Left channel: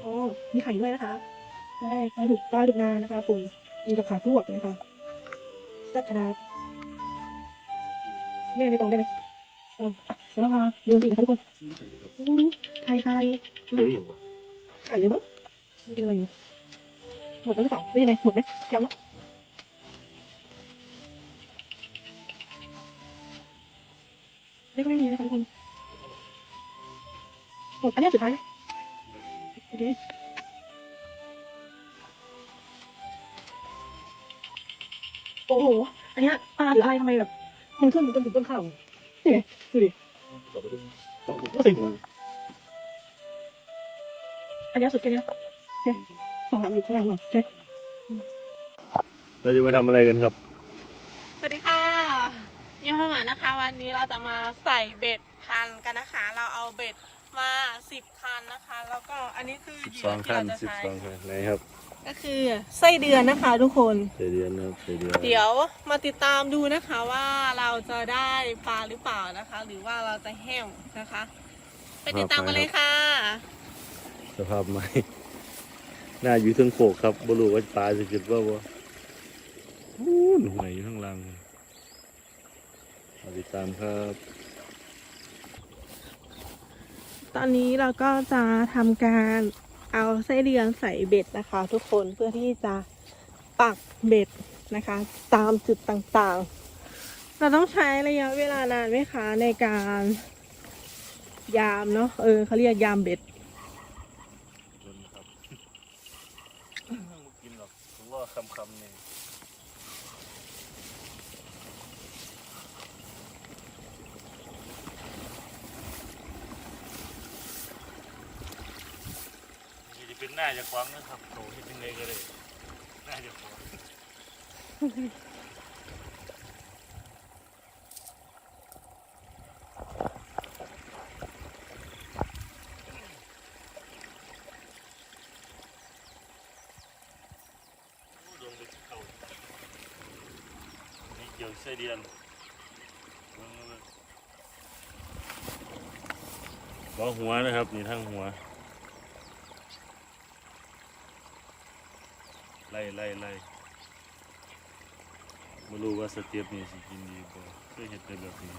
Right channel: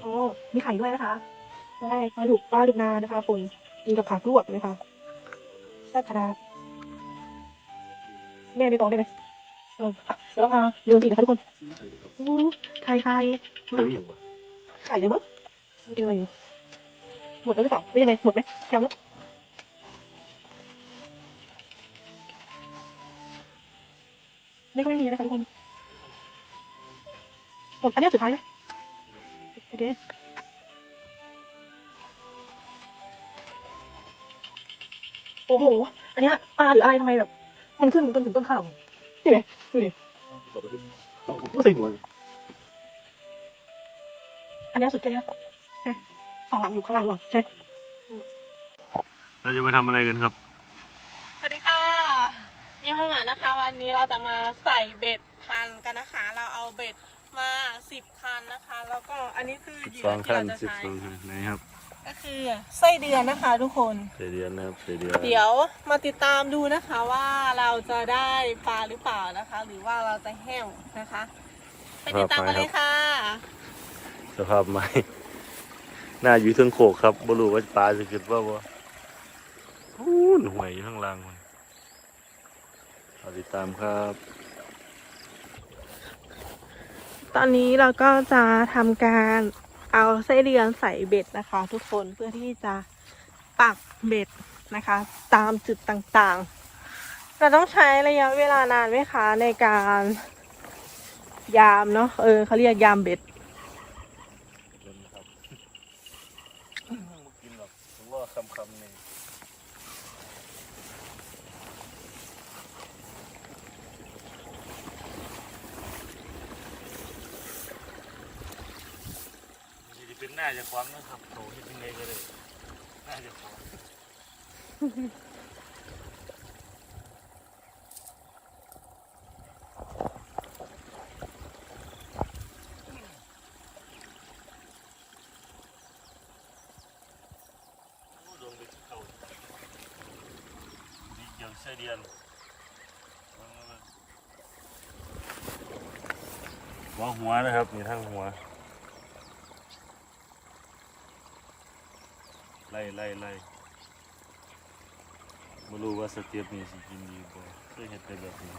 โอ้มีไข่ด้วยนะคะ ได้ปลาดุกปลาดุกนานะคะปุ่นกินกับขาลวกนะคะแซ่บขนาดแม่ในกล่องได้ไหมเอออะเดี๋ยวเราพาเดินสีนะคะทุกคนอู้ไข่ไข่เฮ้ยอย่างวะไข่เลยมั้งไม่ได้เลยหมดแล้วหรือเปล่าไม่ยังไงหมดไหมยังแล้วไม่ค่อยมีนะคะทุกคนหมดอันนี้สุดท้ายแล้ว โอเคโอ้โห อันเนี้ยปลาหรืออะไรทำไมแบบ มันขึ้นต้นถึงต้นข้าวใช่ไหมดูดิก็ใส่หัวอันเนี้ยสุดแค่เนี้ยใช่สองหลังอยู่ข้างล่างหรอใช่เราจะมาทำอะไรกันครับ สวัสดีค่ะยี่ห้อหมานะคะ วันนี้เราจะมาใส่เบ็ดพันกันนะคะ เราเอาเบ็ด มาสิบคันนะคะ แล้วก็อันนี้คือเหยื่อ12ที่ขั้นเราจะใช้12ขั้นไหนครับก็คือไส้เดือนนะคะทุกคน เสเดียนนะครับเสเดียนเดี๋ยวมาติดตามดูนะคะว่าเราจะได้ปลาหรือเปล่านะคะ หรือว่าเราจะแห้วนะคะ ไปติดตามกันเลยค่ะ สภาพไม้หน้าอยู่เทิงโขกครับบรู้ว่าปลาจะขึ้นว่าวะอู้นห่วยอยู่ข้างล่างมันเอาติดตามครับ ตอนนี้เราก็จะทำการเอาไส้เดือนใส่เบ็ดนะคะ ทุกคนเพื่อที่จะปักเบ็ดนะคะ ตามจุดต่างๆ เราต้องใช้ระยะเวลานานไหมคะ ในการยามเนาะเออเขาเรียกยามเบ็ดกินหรอกผมว่าคำคำๆนี่ะเป็นหน้าจะคว้างนะครับโถที่ยังไงก็ได้หน้าจะคว้างโอ้โดนไปที่เดียวไส้เดือนหัวหัวนะครับนี่ทั้งหัว ล่ไล่ไล่ไม่รู้ว่าสเตียบนี่สิกินดีบ่เคยเห็นแต่แบบนี้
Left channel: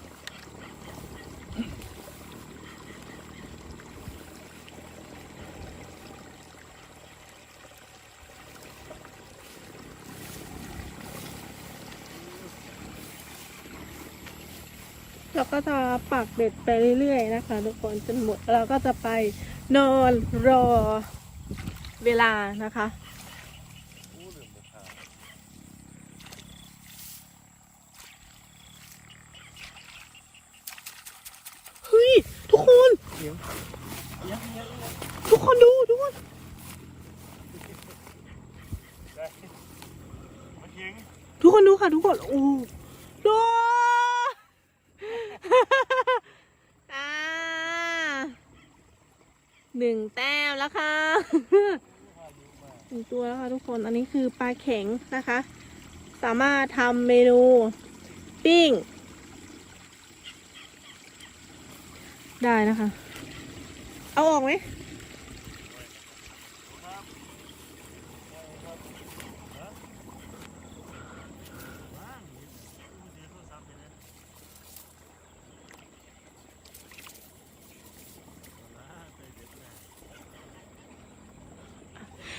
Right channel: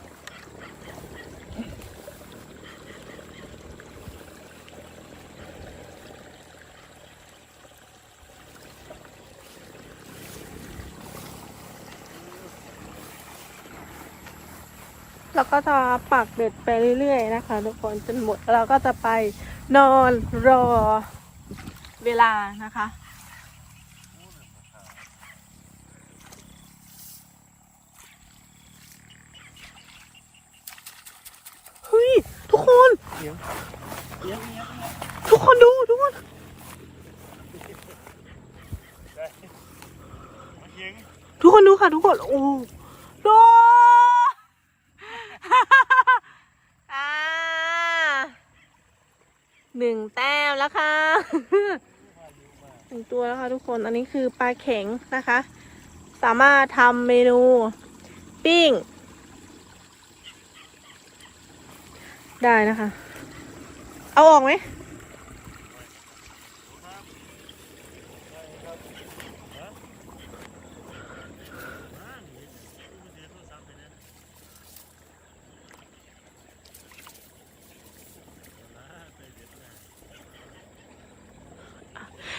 เราก็จะปักเบ็ดไปเรื่อยๆนะคะทุกคนจนหมดเราก็จะไปนอนรอเวลานะคะ เฮ้ย ทุกคน ทุกคนดูทุกคน ทุกคนดูค่ะทุกคน โอ้ดูอ่าหนึ่งแต้มแล้วค่ะหนึ่งตัวแล้วค่ะทุกคน อันนี้คือปลาเข็งนะคะ สามารถทำเมนูปิ้ง ได้นะคะ เอาออกไหม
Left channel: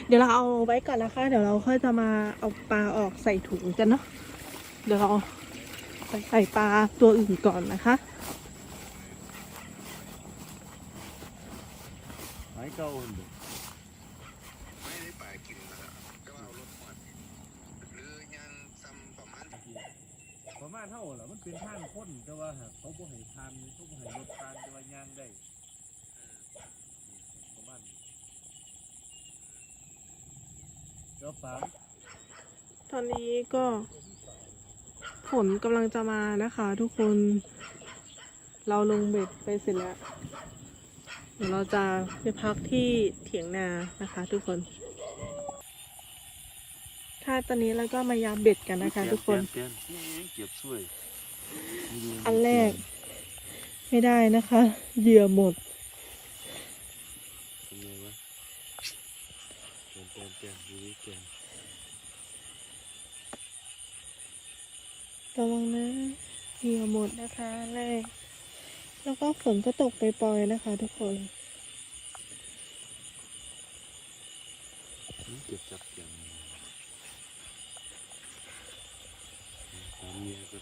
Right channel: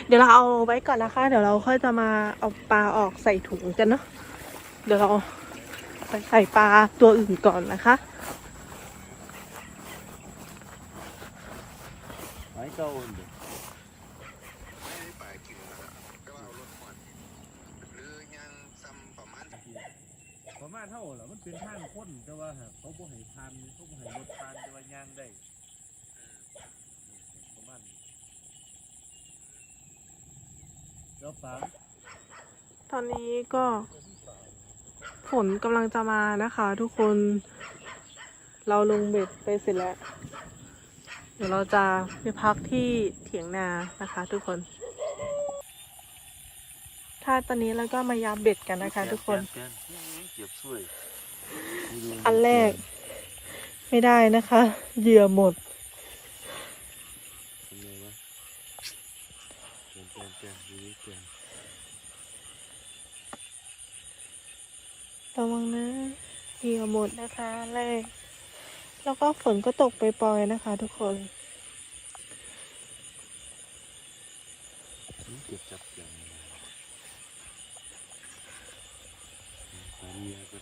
เดี๋ยวเราเอาไว้ก่อนนะคะ เดี๋ยวเราค่อยจะมาเอาปลาออกใส่ถุงกันเนาะเดี๋ยวเราไปใส่ปลาตัวอื่นก่อนนะคะไม้เก่าอันเดียวไม่ได้ไปกินนะครับก็เอารถหมดหรือยังซ้ำประมาณประมาณเท่าเหรอมันเป็นทางค้นแต่ว่าหากเขาบ่ให้ทานเขาบ่ให้รถทานแต่ว่าย่างได้ประมาณนี้เดี๋ยวปลา ตอนนี้ก็ฝนกำลังจะมานะคะ ทุกคน เราลงเบ็ดไปเสร็จแล้ว เดี๋ยวเราจะไปพักที่เถียงนานะคะ ทุกคนถ้าตอนนี้เราก็มายาเบ็ดกันนะคะ ทุกคนเปลี่ยนเปลี่ยนเก็บช่วยอันแรก ไม่ได้นะคะ เหยื่อหมด เป็นไงวะ เหยื่อหม ดนะคะแรกแล้วก็ฝนก็ตกไปปล่อยนะคะ ทุกคนเก็บจับอย่างตามเมียก็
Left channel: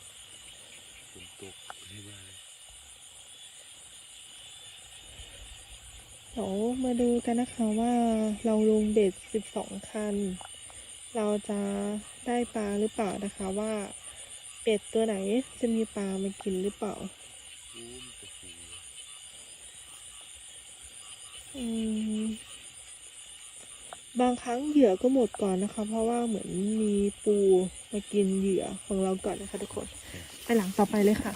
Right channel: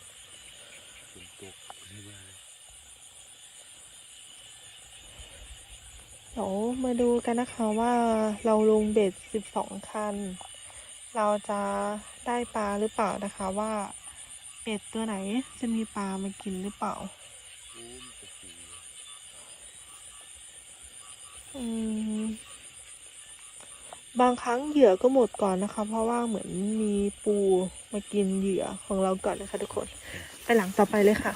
ฝนตกให้บ้าเดี๋ยวมาดูกันนะคะว่าเราลงเบ็ด12คัน เราจะได้ปลาหรือเปล่านะคะว่า เป็ดตัวไหนจะมีปลามากินหรือเปล่า อืม บางครั้งเหยื่อก็หมดก่อนนะคะ เพราะว่าเหมือนมีปูมากินเหยื่อของเราก่อนนะคะทุกคน ไปหลังต่อไปเลยค่ะ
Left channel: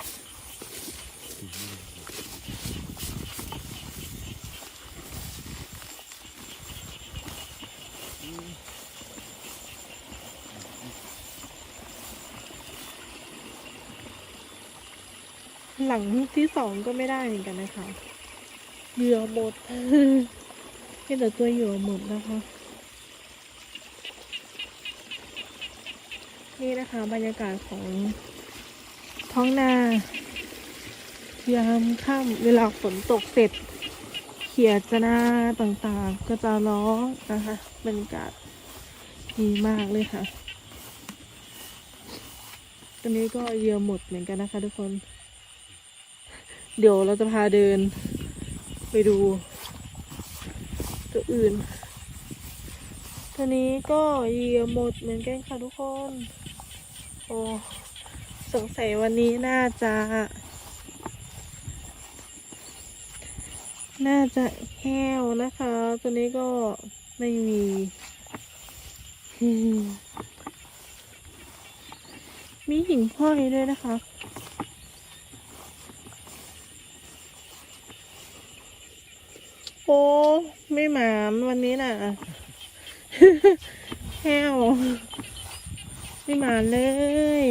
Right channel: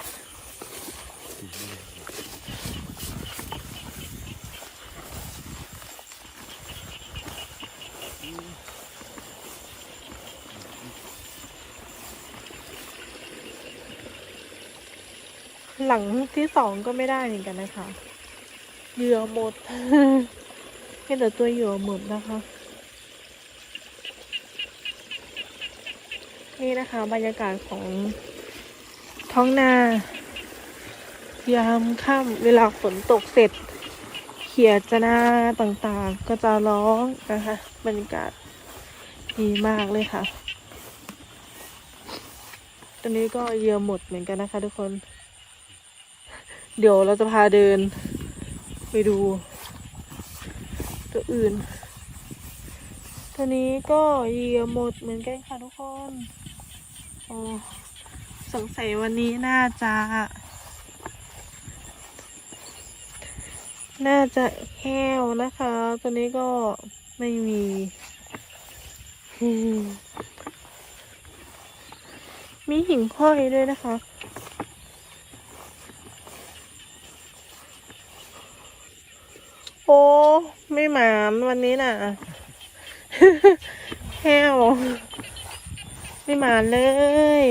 หลังที่สองก็ไม่ได้เหมือนกันนะคะ เหยื่อหมดเห็นแต่ตัวเหยื่อหมดนะคะ นี่นะคะ บรรยากาศของท้องนายามค่ำเวลาฝนตกเสร็จ เขียดจะนาต่างๆ ก็จะร้องนะคะ บรรยากาศดีมากเลยค่ะตอนนี้ก็เยื่อหมดเหมือนกันนะคะทุกคน เดี๋ยวเราจะพาเดิน ไปดู ตัวอื่น ตัวนี้ก็เหยื่อหมดเหมือนกันค่ะทุกคนโอ้สงสัยวันนี้น่าจะ น่าจะแห้วนะคะ ตัวนี้ก็ไม่มีมีหิ่งห้อยด้วยนะคะ โอ้ ไม่หมานวันนี้น่ะแห้วไม่มาเลย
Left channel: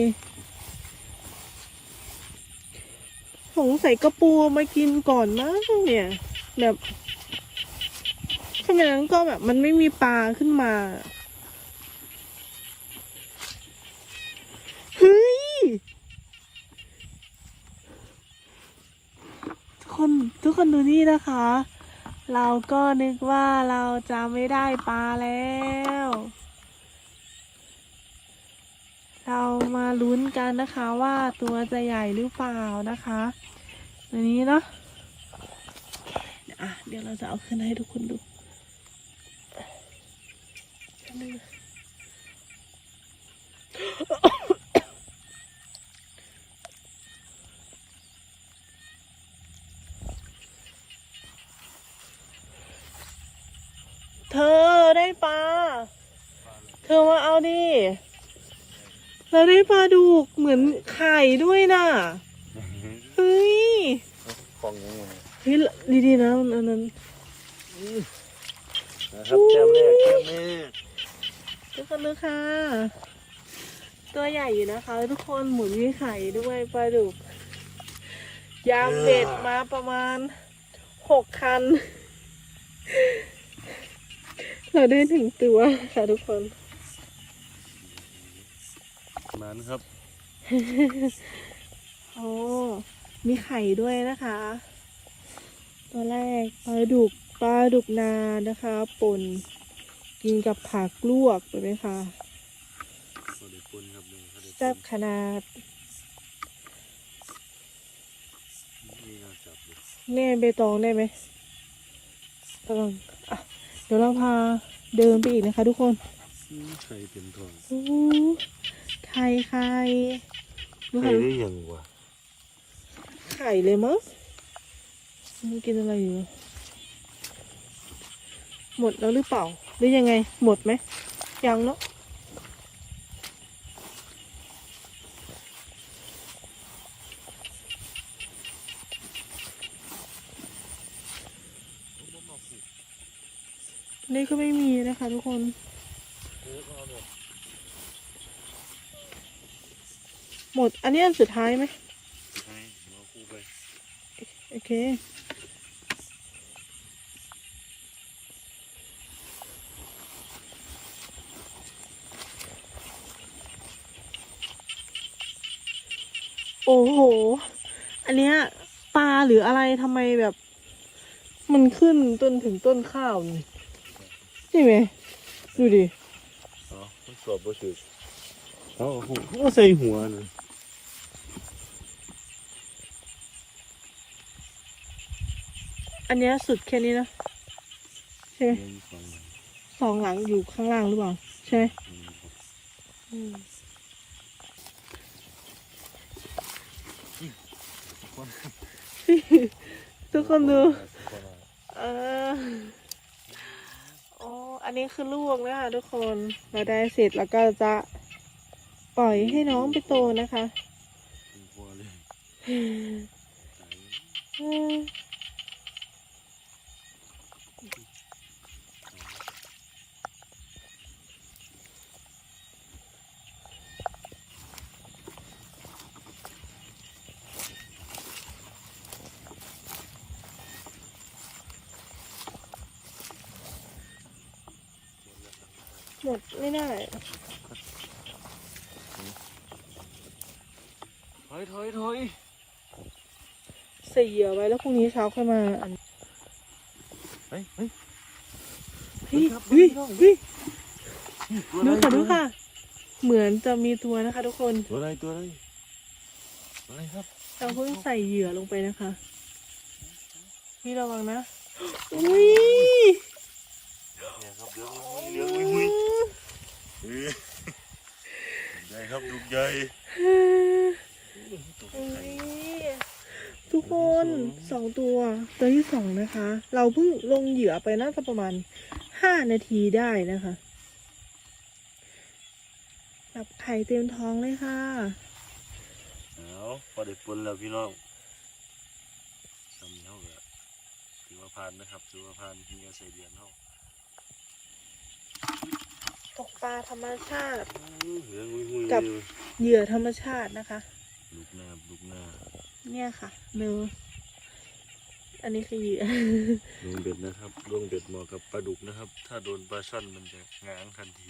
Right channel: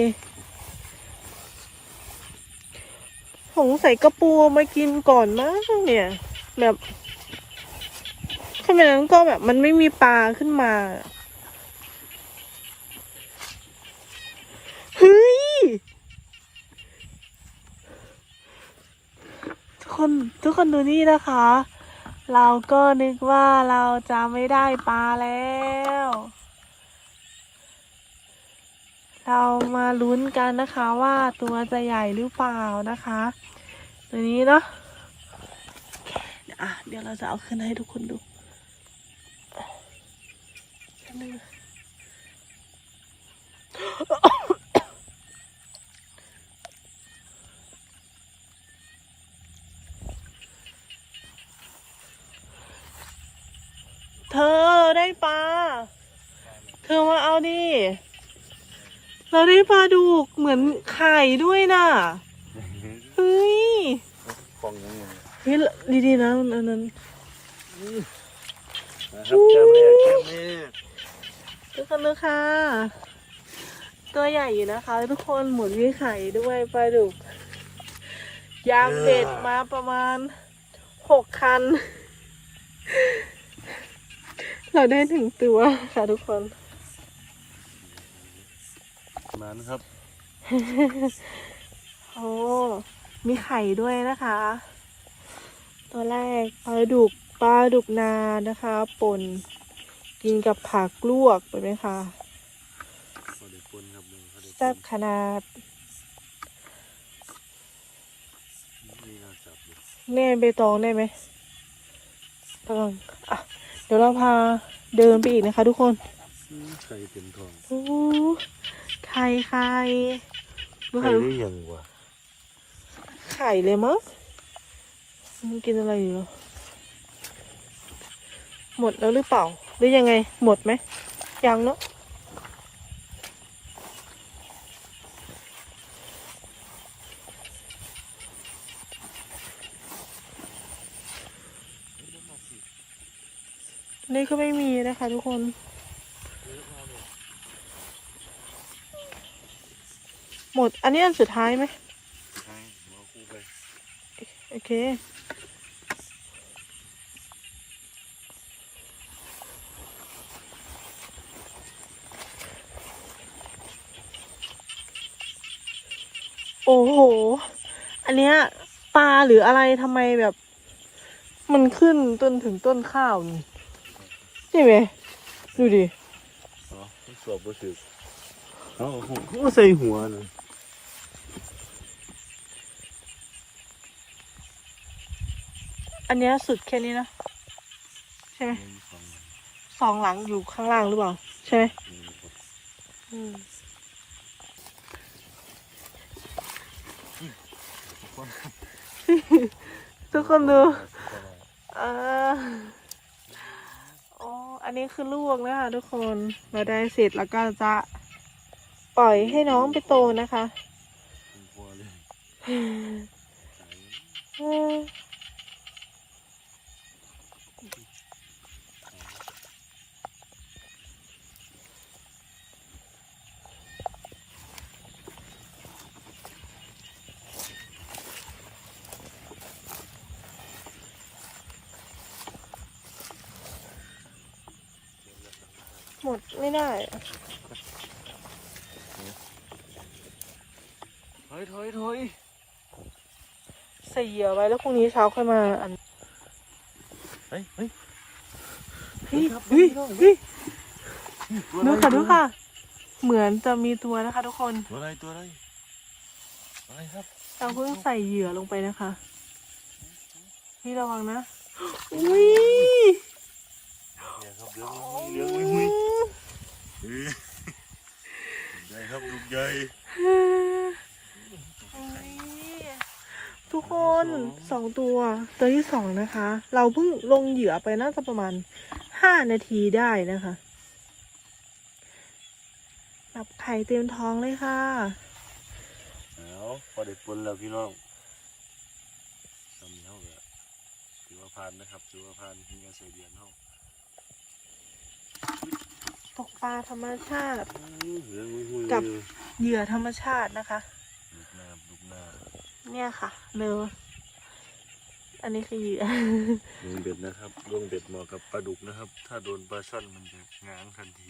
สงสัยกระปูมากินก่อนมั้งเนี่ย แบบขณะนั้นก็แบบมันไม่มีปลาขึ้นมาเฮ้ยทุกคนทุกคนดูนี่นะคะ เราก็นึกว่าเราจะไม่ได้ปลาแล้ว เรามาลุ้นกันนะคะว่าตัวจะใหญ่หรือเปล่านะคะ ตัวนี้เนาะอะเดี๋ยวเราจะเอาขึ้นให้ทุกคนดู เธอได้ปลา เธอมาเอาดิ เราได้ปลาดุกเหมือนไข่ด้วยน่ะเฮ้ยฟองยังไงเฮ้ยดีๆนะอันนั้นนะครับจำแม่จำแม่ทุกคนดูค่ะ ตัวใหญ่อยู่นะคะ ทุกคนหมุนมีไข่ด้วยปลาดุกยางเบ็ดมาประมาณหกคัน เราได้ถึงตัวค่ะทุกคนมันครับ โอ้ มีไข่ด้วยนะคะ ตัวแรกปลาดุกปลาดุกนานะคะป่นกินกับผักลวกไปไหมคะเขาได้ปนครับเลยเขาได้แซ่บขนาดนี่น่าจับเลยแน่เบตองได้ไหมตองอะ เดี๋ยวเราพาเดินไปอีกนะคะ ทุกคนอืมไข่เต็มท้องโอ้ไข่ไข่ดูไข่ค่ะหรือยังวะไข่เลยมั้งมันกินอะไรอยู่ หมดแล้วหรือเปล่า หรือยังไง หมดไหมยังเนาะ นี่ก็ไม่มีนะคะทุกคน หมด อันนี้อันสุดท้ายไหมใช่หัวคู่ไปโอเค โอ้โห อันเนี้ยปลาหรืออะไรทำไมแบบ มันขึ้นจนถึงต้นข้าวนี่ใช่ไหมดูดิสอบบ่ถึกเอาหัวใส่หัวนะอันเนี้ยสุดแค่นี้นะใช่ไหมสองหลังอยู่ข้างล่างหรือเปล่า ใช่ไหมอืมทุกคนดูอ่าโอ้อันนี้คือลูกนะคะทุกคนเราได้เสร็จแล้วก็จะปล่อยให้น้องไปโตนะคะพอเลย อืม หมดไม่ได้ ถอยถอยถอยใส่เหยื่อไว้แล้วพรุ่งนี้เช้าค่อยมาอันเฮ้ยเฮ้ยเฮ้ยเฮ้ยเฮ้ยดูค่ะดูค่ะ เหมือนจะมีตัวนะคะทุกคน ตัวอะไรตัวอะไรอะไรครับ เราเพิ่งใส่เหยื่อลงไปนะคะพี่ระวังนะอุ้ย เนี่ยครับเลี้ยงเลี้ยงมุ้ยมุ้ยนี่ครับดุกใหญ่ทุกคนสองตัว ตัวที่สองนะคะ เราเพิ่งลงเหยื่อไปน่าจะประมาณห้านาทีได้นะคะจับไข่เต็มท้องเลยค่ะเอาพอได้ปนแล้วพี่น้องทำนี้เขาก็ถือว่าผ่านนะครับ ถือว่าผ่านที่จะใส่เดือนเขา ตกปลาธรรมชาติเลี้ยงมุ้ยมุ้ยกับ เหยื่อธรรมชาตินะคะ ลูกหน้าลูกหน้าเนี่ยค่ะเนออันนี้คือเหยื่อลงเบ็ดนะครับลงเบ็ดเหมาะกับปลาดุกนะครับ ถ้าโดนปลาช่อนมันจะง้างทันที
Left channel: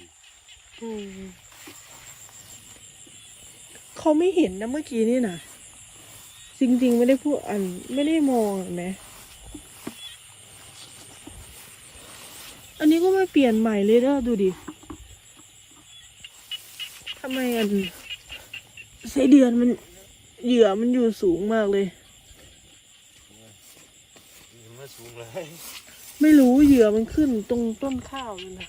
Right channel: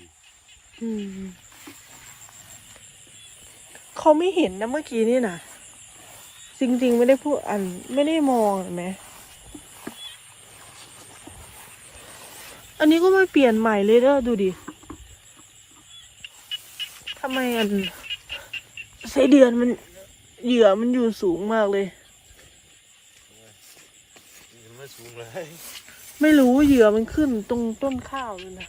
อืมเขาไม่เห็นนะเมื่อกี้นี่นะจริงๆไม่ได้พูดอันไม่ได้มองเห็นไหมอันนี้ก็ไม่เปลี่ยนใหม่เลยเด้อดูดิทำไมอันไส้เดือนมันเหยื่อมันอยู่สูงมากเลยนี่มาสูงเลยไม่รู้เหยื่อมันขึ้นตรงต้นข้าวเลยนะ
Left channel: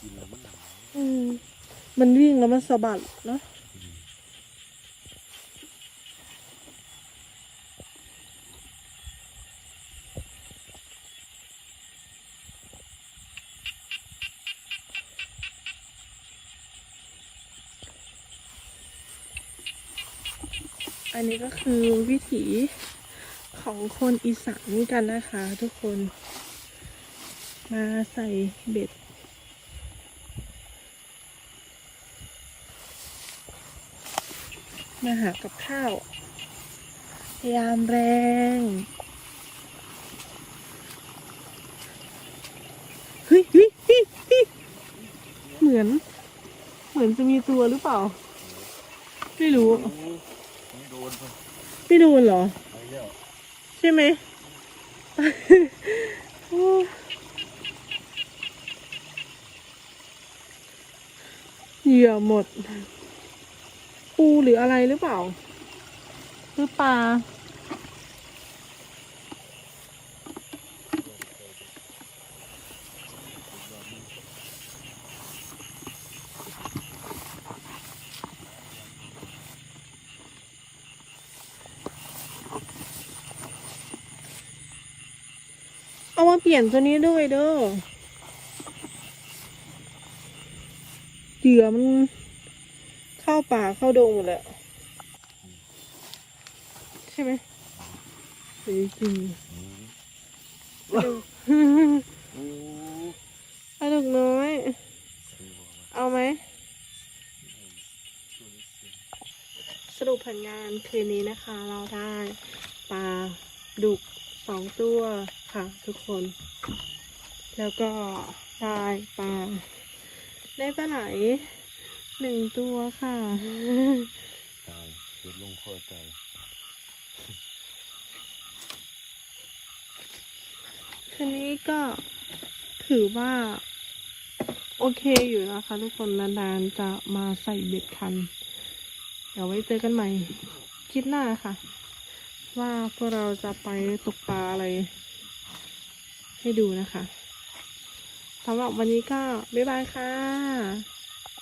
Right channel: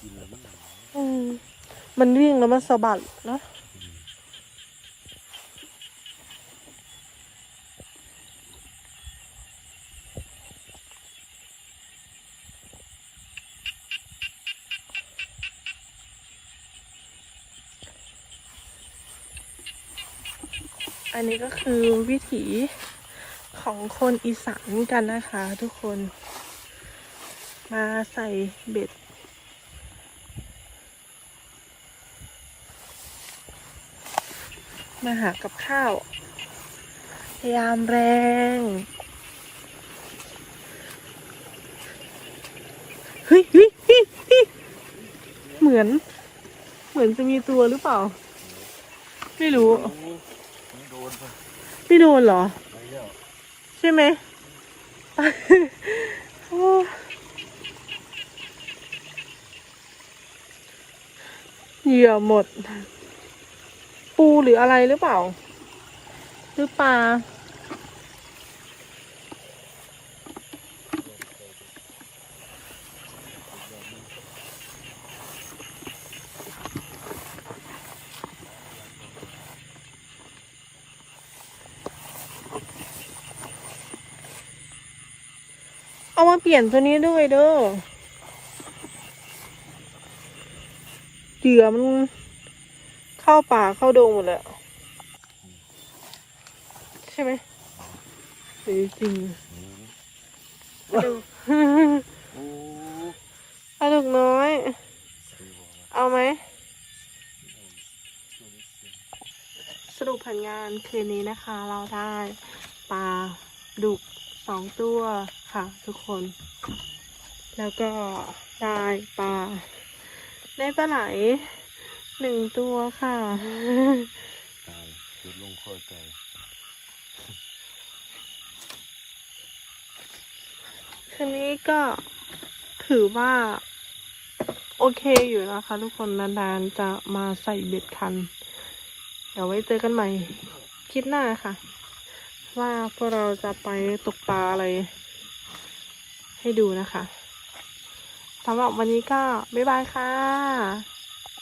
กินแล้วมันอืมมันวิ่งแล้วมันสะบัดเนอะ อันนี้ก็คือวิถีของคนอีสานกันนะคะทุกคน มาใส่เบ็ด มาหากับข้าว ยามแรงเฮ้ยเฮ้ยเฮ้ยเฮ้ยเหมือน เหมือนจะมีตัวหรือเปล่า ไม่รู้ นไปไม่โดนเหรอ ไปแล้วใช่ไหม โอ้เหยื่อหมด ปูหรืออะไรหรือเปล่า หรือปลาี่ยนตัวนี้ด้วยเด้อเหยื่อมันเข้าป่าเข้าดงหมดแล้วใช่ไหมหรือจริงปลาดุกโอ้ปลาดุกน้อย เอาไหม สรุปผลงานคืนนี้นะคะ เราได้ปลาดุก สองตัวค่ะทุกคน แล้วก็ได้ปลาได้ปลาไหลหนึ่งตัวค่ะตายจุดลงคอใจคืนนี้ก็ถือว่า โอเคอยู่นะคะ ทุกคนนานๆจะมาใส่เบ็ดคัน เดี๋ยวไว้เจอกันใหม่คลิปหน้าค่ะ ว่าพวกเราจะไปตกปลาอะไร ให้ดูนะคะสำหรับวันนี้ก็บ๊ายบายค่ะ